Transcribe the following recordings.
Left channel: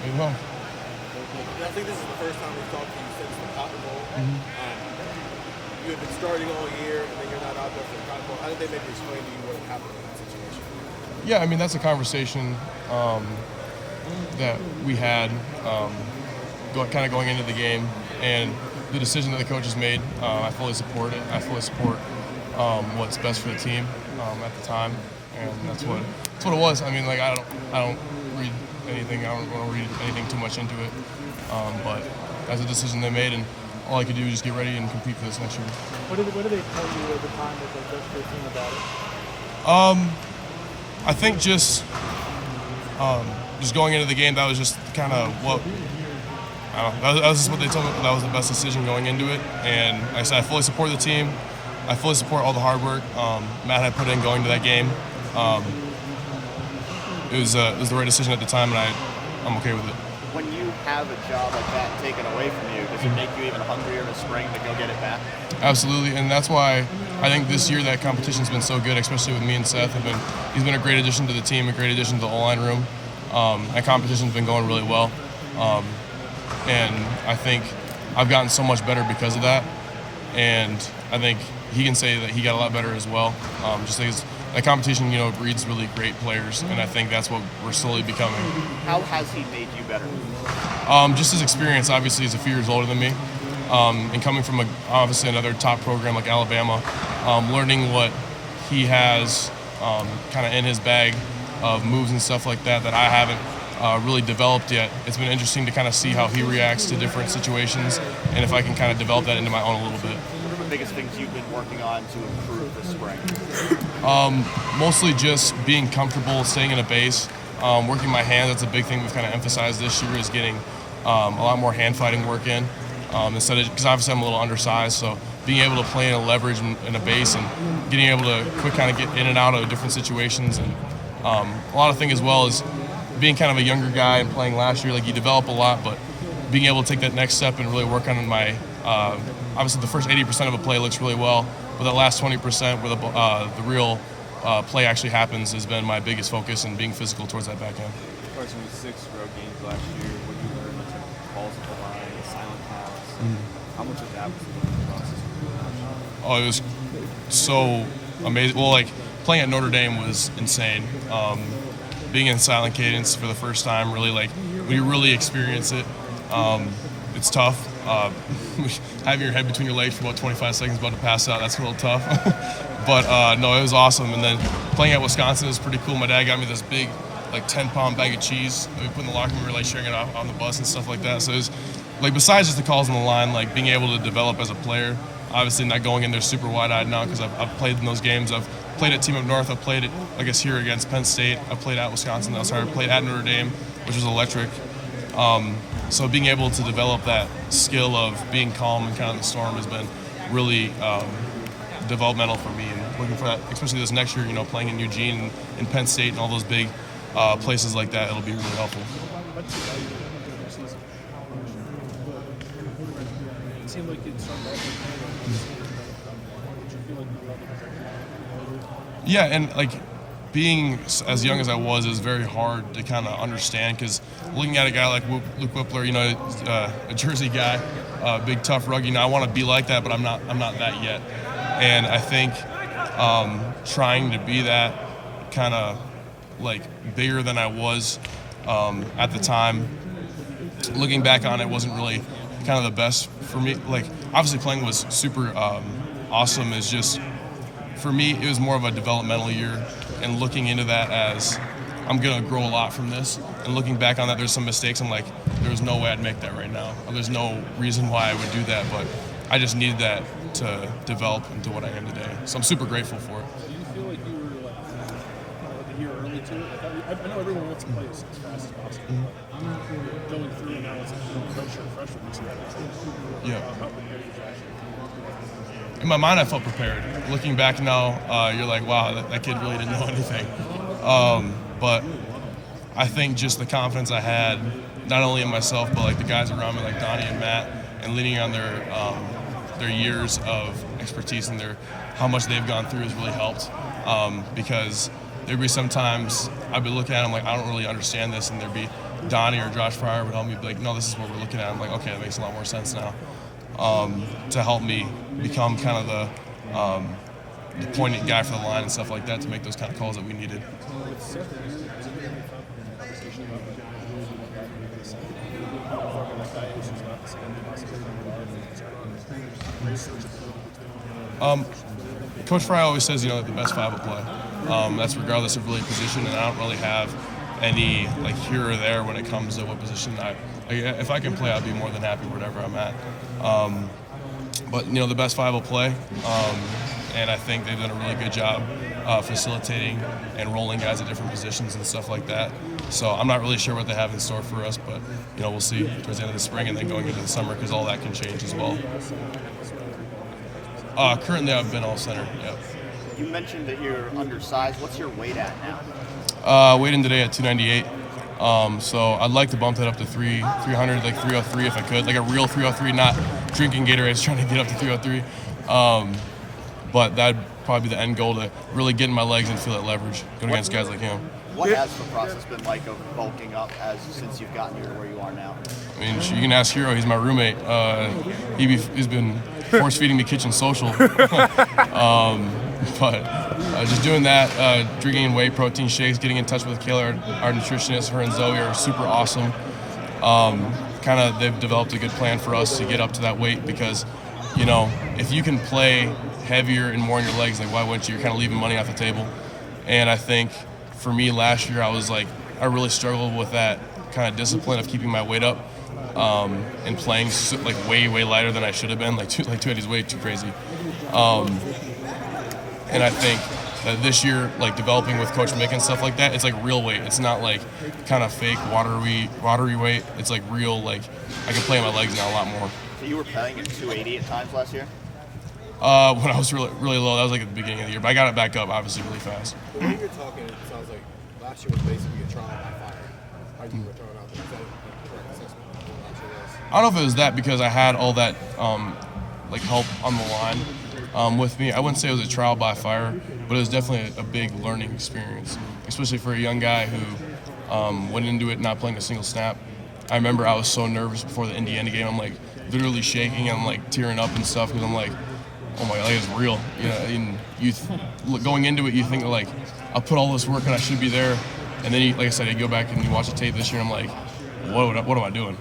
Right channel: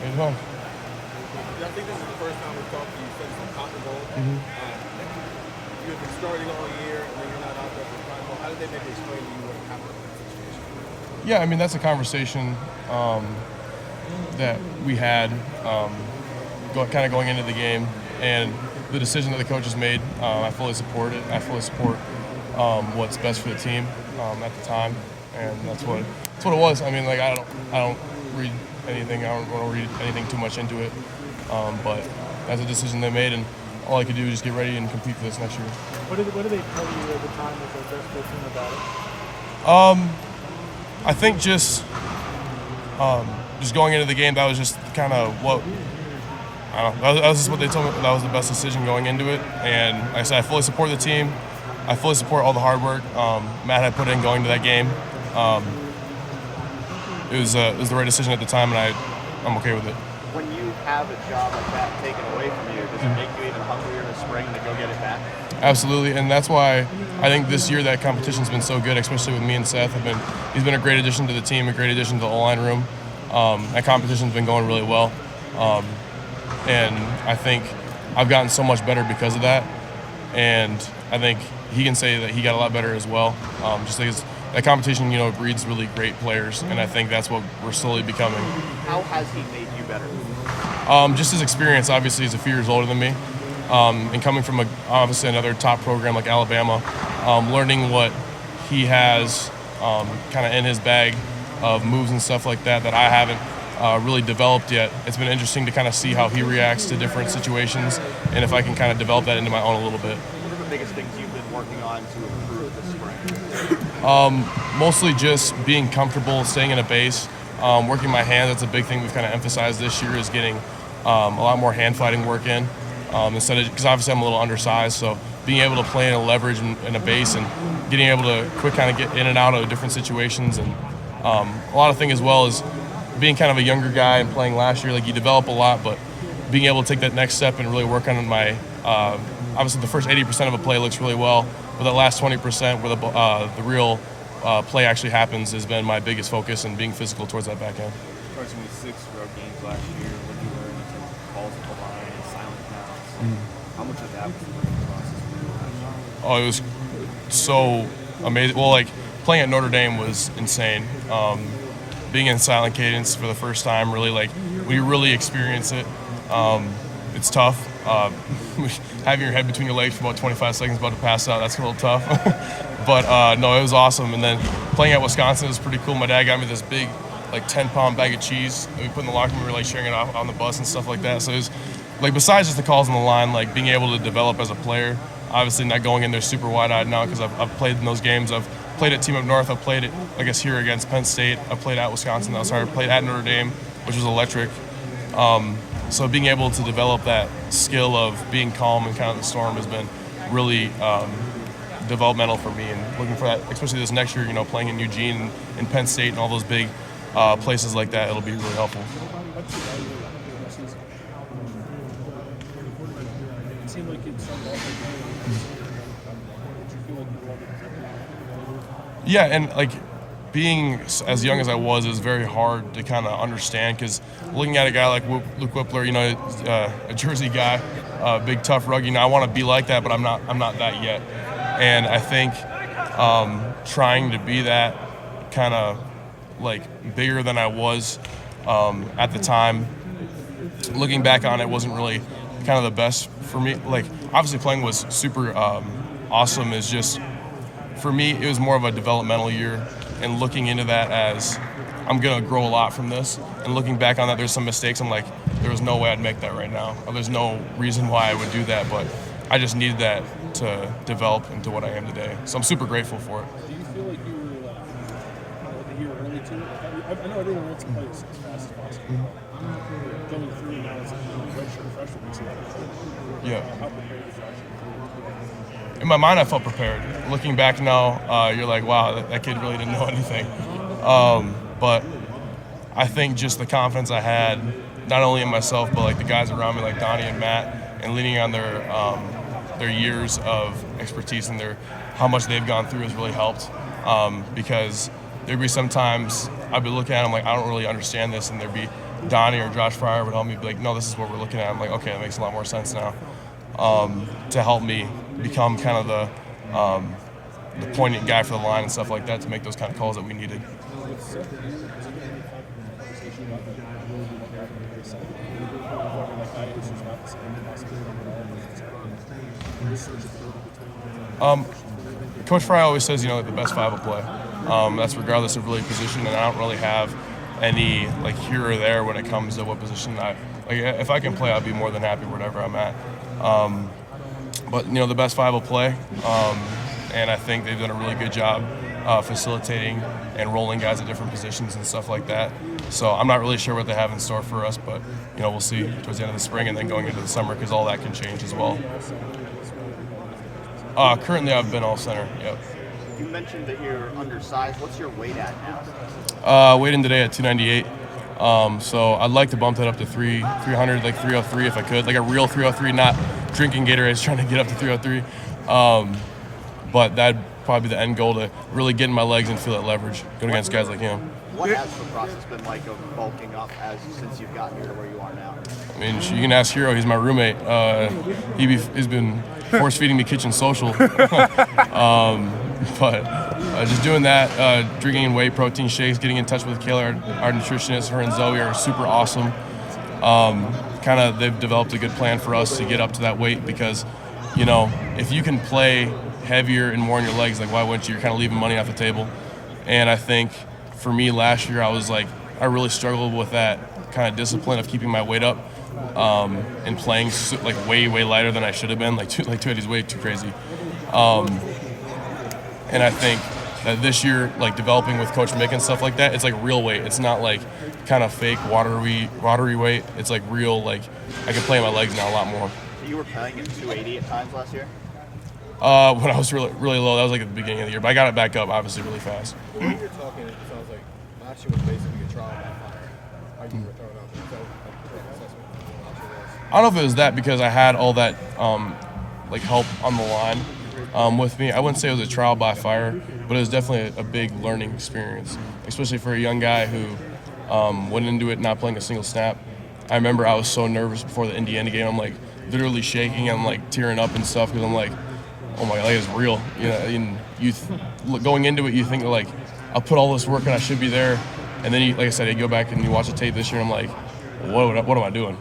There you go. And I think this is the first time we've talked to you since the Cotton Bowl. You have been starting all year, and then you're not out there for the Cotton Bowl. How did they make you explain to you what happened in that situation? Yeah, I mean, that's a conversation that we had kind of going into the game, and the decision that the coaches made, I fully support it. I fully support what's best for the team at the time, and that's what it was. I mean, like I don't read anything. I don't want to read anything too much into it, but that's a decision they made, and all I could do is just get ready and compete for this next year. What did they tell you at the time as they addressed their team about it? I think just going into the game, that was just kind of what. I don't know, that was just what they told me. That was the best decision going into it, and like I said, I fully support the team. I fully support all the hard work Matt had put in going to that game. It was the right decision at the time, and I'm okay with it. When you have a job like that taken away from you, does it make you even hungrier in the spring to go get it back? Absolutely, and that's why I think this year that competition's been so good, especially with me and Seth. He's been a great addition to the team, a great addition to the O-line room. That competition's been going really well. And I think I've gotten so much better because of that. And I think he can say that he got a lot better as well. Just because that competition, breeds really great players, and I think that's what we're slowly becoming. How has he made you better? Just his experience. Obviously, he's a few years older than me. And coming from obviously another top program like Alabama, learning what he has kind of in his bag of moves and stuff like that I haven't really developed yet. It's been interesting to kind of see how he reacts to different situations, and if I can kind of develop that into my own a little bit. What are the biggest things you've been working on to improve this spring? Mostly just being comfortable, staying in a base, working my hands. That's a big thing we've kind of emphasized this year, is getting a lot more hand fighting work in, instead of, because obviously I'm a little undersized, so being able to play in a leverage in a base and getting able to quick kind of get in and out of different situations. And a lot of thing as well is being kind of a younger guy and playing last year, like you develop a lot, but being able to take that next step and really work on my, obviously the first 80% of a play looks really well, but that last 20% where the real play actually happens has been my biggest focus, and being physical towards that back end. Carson was 6 drug games last year. What did you learn in terms of calls at the line, silent counts? How much of that was the learning process for you? Oh, it was so amazing. Well, like playing at Notre Dame was insane. Being in silent cadence for the first time, really, like, when you really experience it, it's tough. Having your head between your legs for about 25 seconds about to pass out, that's a little tough. But no, it was awesome. And then playing at Wisconsin was pretty cool. My dad got me this big, like 10-pound bag of cheese that we put in the locker room. We were like sharing it off on the bus and stuff like that. So it was like, besides just the calls on the line, like being able to develop as a player, obviously not going in there super wide-eyed now because I've played in those games. I've played at Team Up North. I've played, I guess, here against Penn State. I played at Wisconsin. I played at Notre Dame, which was electric. So being able to develop that skill of being calm and kind of the storm has been really developmental for me, and looking for that, especially this next year, playing in Eugene and Penn State and all those big places like that, it'll be really helpful. It seemed like you'd started off Yeah, and like being as young as I was, it was very hard to kind of understand, because looking at a guy like Luke Whippler, a Jersey guy, big tough rugby. I want to be like that, but I'm not that yet. And I think trying to be that kind of like bigger than I was at the time, looking back on it, wasn't really kind of the best for me. Like, obviously playing was super awesome. It's just, for me, it was more of a developmental year, and looking into that as I'm going to grow a lot from this, and looking back on that, there's some mistakes. I'm like, there was no way I'd make that right now. There's no reason why I would do that, but I just needed that to develop into what I am today. So I'm super grateful for it. Do you feel like you were like a year early to it? I know everyone wants to play as fast as possible. Going through now, it's a redshirt freshman. Yeah. How prepared was that? In my mind, I felt prepared. Looking back now, you're like, wow, that kid really didn't know anything. But I think just the confidence I had, not only in myself, but like the guys around me, like Donnie and Matt, and leaning on their years of expertise and how much they've gone through has really helped. Because there'd be sometimes I'd be looking at them like, I don't really understand this, and there'd be Donnie or Josh Fryer would help me be like, no, this is what we're looking at. I'm like, okay, that makes a lot more sense now. To help me become kind of the poignant guy for the line and stuff like that to make those kind of calls that we needed. With Seth, has there been any conversation about like maybe what back in the side? Like that is not the same possibility Coach Fry always says, that the best five will play. That's regardless of really position, and I don't really have any like here or there when it comes to what position if I can play, I'll be more than happy wherever I'm at. But the best five will play, and I think they've done a really good job facilitating and rolling guys at different positions and stuff like that. So I'm not really sure what they have in store for us, but we'll see towards the end of the spring and then going into the summer, because all that can change as well. Currently, I've been all center. Yep. You mentioned that you're undersized. What's your weight at now? Weighed today at 298. So I'd like to bump that up to 300, like 303 if I could, like a real 303, not drinking Gatorade, trying to get up to 303. But that'd probably be the end goal, to really get in my legs and feel that leverage going against guys like him. What has the process been like of bulking up since you've gotten here to where you are now? I mean, you can ask Hero. He's my roommate. He's been force feeding me kitchen social. But just doing that, drinking whey protein shakes, getting in touch with Kayla, our nutritionist, her and Zoe are super awesome. They've developed a good plan for us to get up to that weight, because, if you can play heavier and more on your legs, like why wouldn't you? You're kind of leaving money off the table. And I think for me last year, I really struggled with that kind of discipline of keeping my weight up and playing like way lighter than I should have been. Like 280 is way too crazy. And I think that this year, like developing with Coach Mick and stuff like that, it's like real weight. It's not like kind of fake watery weight. It's like real, like I can play my legs now a lot more. So you were playing at 280 at times last year? When I was really low, that was like at the beginning of the year, but I got it back up obviously really fast. The way you're talking, it sounds like last year was basically a trial by fire. How you were throwing out the I don't know if it was that, because I had all that help on the line with me. I wouldn't say it was a trial by fire, but it was definitely a big learning experience, especially for a young guy who went into it not playing a single snap. I remember I was so nervous before the Indiana game. I'm like literally shaking. I'm like tearing up and stuff, because I'm like, oh my God, it's real. And going into it, you think like, I'll put all this work and I should be there. And then, like I said, you go back and you watch the tape this year. I'm like, what am I doing?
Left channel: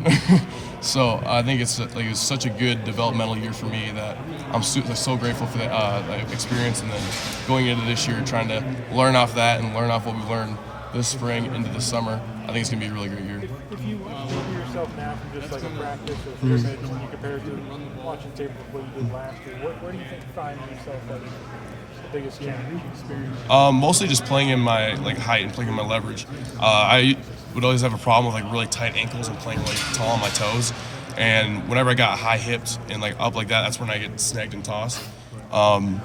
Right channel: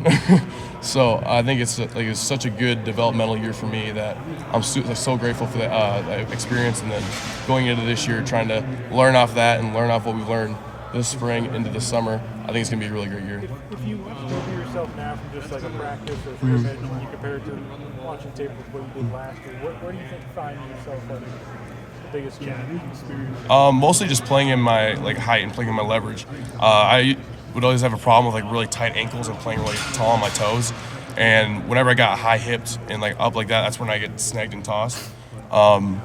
So I think it's such a good developmental year for me that I'm so grateful for that experience. And then going into this year, trying to learn off that and learn off what we learned this spring into the summer, I think it's going to be a really great year. If you watch tape of yourself now from just like a practice or scrimmage, and you compare it to watching tape of what you did last year, where do you think you find yourself like the biggest change? Mostly just playing in my height and playing in my leverage. I would always have a problem with really tight ankles and playing really tall on my toes. And whenever I got high hips and up like that, that's when I get snagged and tossed. And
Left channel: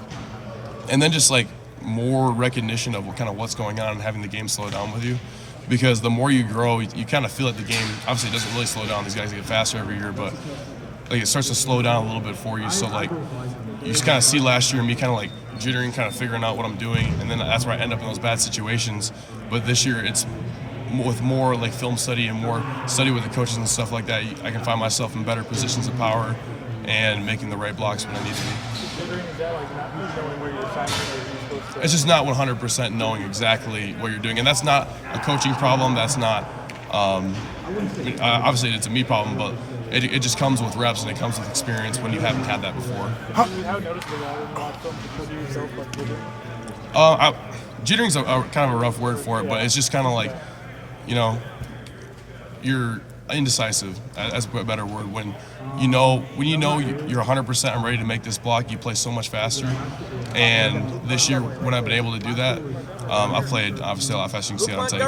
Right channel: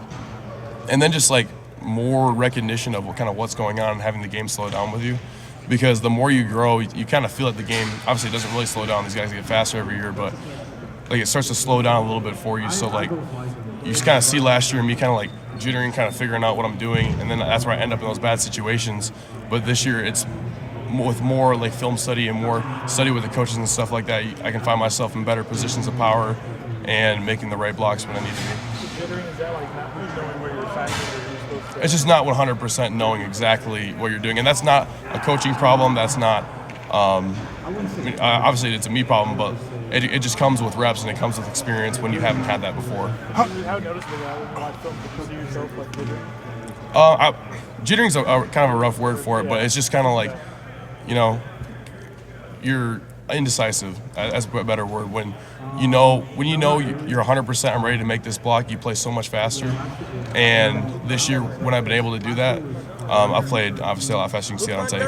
then just more recognition of what's going on and having the game slow down with you. Because the more you grow, you kind of feel like the game obviously doesn't really slow down. These guys get faster every year, but it starts to slow down a little bit for you. So you just kind of see last year me kind of jittering, kind of figuring out what I'm doing, and then that's where I end up in those bad situations. But this year it's with more film study and more study with the coaches and stuff like that. I can find myself in better positions of power and making the right blocks when I need to be. Jittering, is that not knowing where your assignment is, or you're supposed to? It's just not 100% knowing exactly what you're doing, and that's not a coaching problem. That's not obviously it's a me problem, but it just comes with reps and it comes with experience when you haven't had that before. How noticeable that is in watch film? Did you see yourself jittering? Jittering's kind of a rough word for it, but it's just kind of you're indecisive. That's a better word. When you know you're 100%, I'm ready to make this block, you play so much faster. And this year, when I've been able to do that, I've played obviously a lot faster. You can see it on tape.